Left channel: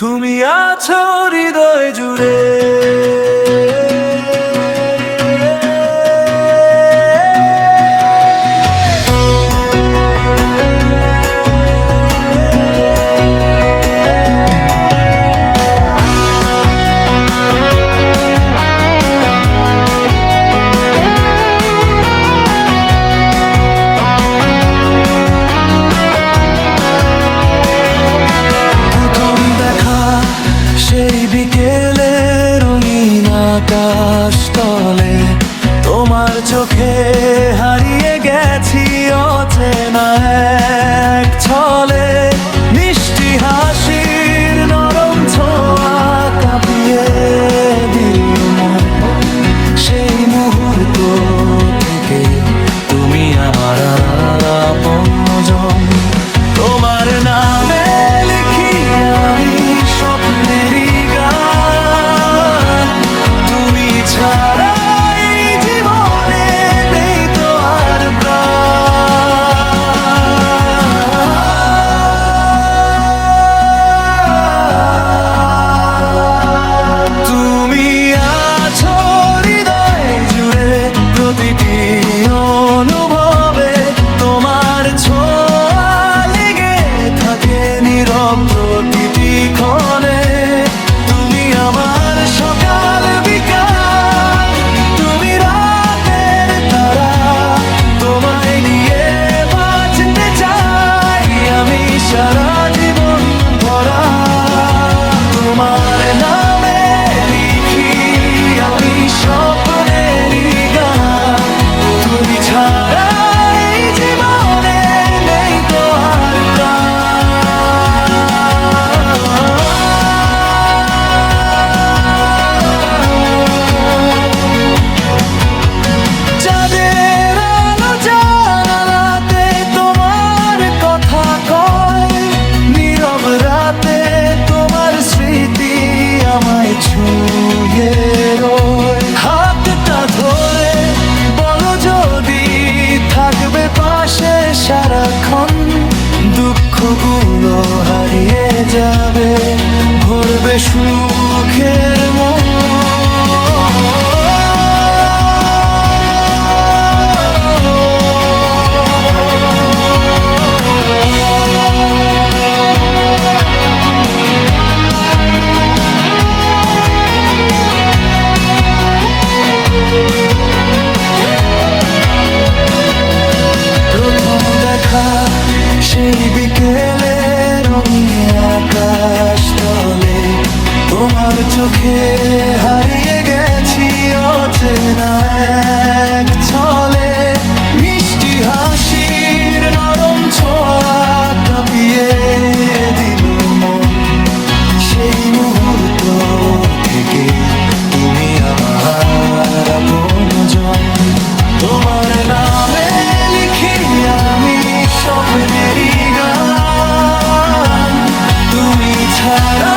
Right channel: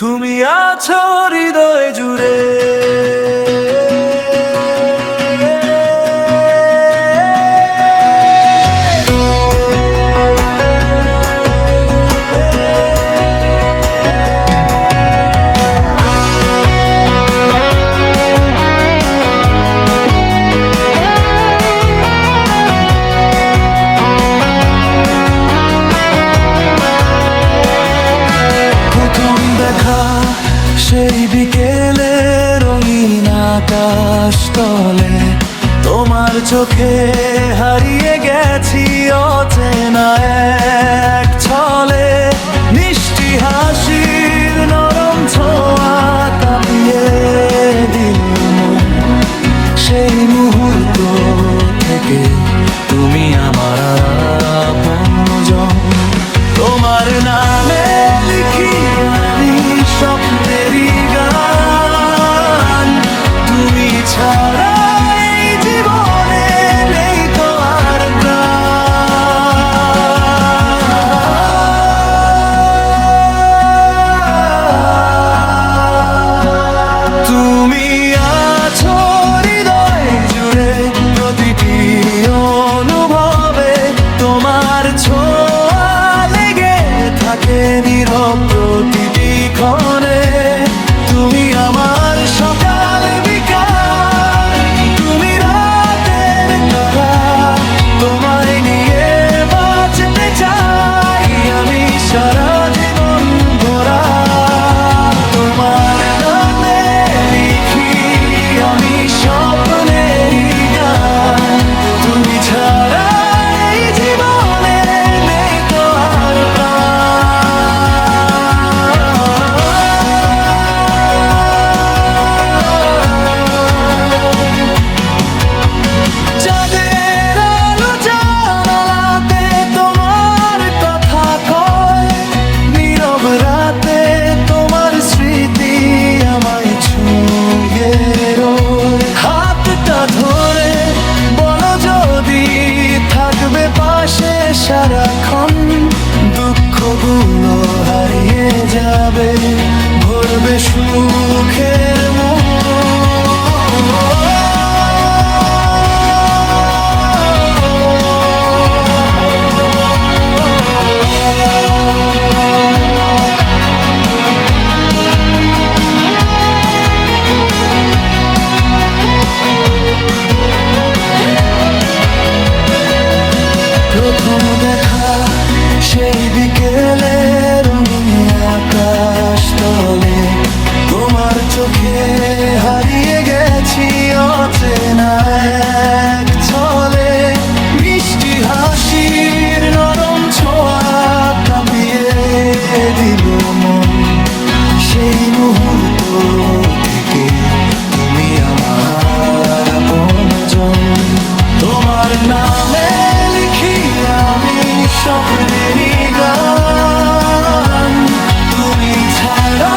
তুমি আছো হৃদয় জুড়ে। সেই বিকেলে রঙিন আকাশ তলে তোমার চোখে হারিয়ে গেছি অচেনা এক ছলে। মিষ্টি হাসির নরম ছোঁয়া কাঁপিয়ে দিল মন। সেই মুহূর্ত থেকে তুমি আমার আপনজন। তোমার নামে লিখি আমি স্বপ্নেরই গান। তুমি ছাড়া এই জীবনে নেই তো আর প্রাণ। তুমি আছো হৃদয় জুড়ে প্রতিটি অনুভবে। তোমার ছোঁয়া লেগে থাকে নীরব প্রতিটি ক্ষণে। তুমি আমার সকাল বিকাল, তুমি রাতের তারা। তোমায় নিয়ে বাঁচতে চাই আমি সারা জীবন ভরা। তোমার নামে লিখি আমি স্বপ্নেরই গান। তুমি ছাড়া এই জীবনে নেই তো আর প্রাণ। চাঁদের আলো জানালাতে তোমার কথা কয়। নীরব রাতে তোমার স্মৃতি আমায় ছুঁয়ে রয়। হাতটা ধরে বলো যদি থাকবে পাশে সারাক্ষণ। দুঃখগুলো হারিয়ে যাবে, ভরবে সুখের মন। প্রথম দেখা সেই বিকেলে রঙিন আকাশ তলে। তোমার চোখে হারিয়ে গেছি অচেনা এক ছলে। মিষ্টি হাসির নরম ছোঁয়া কাঁপিয়ে দিল মন। সেই মুহূর্ত থেকেই তুমি আমার আপনজন। তোমার নামে লিখি আমি স্বপ্নেরই গান। তুমি ছাড়া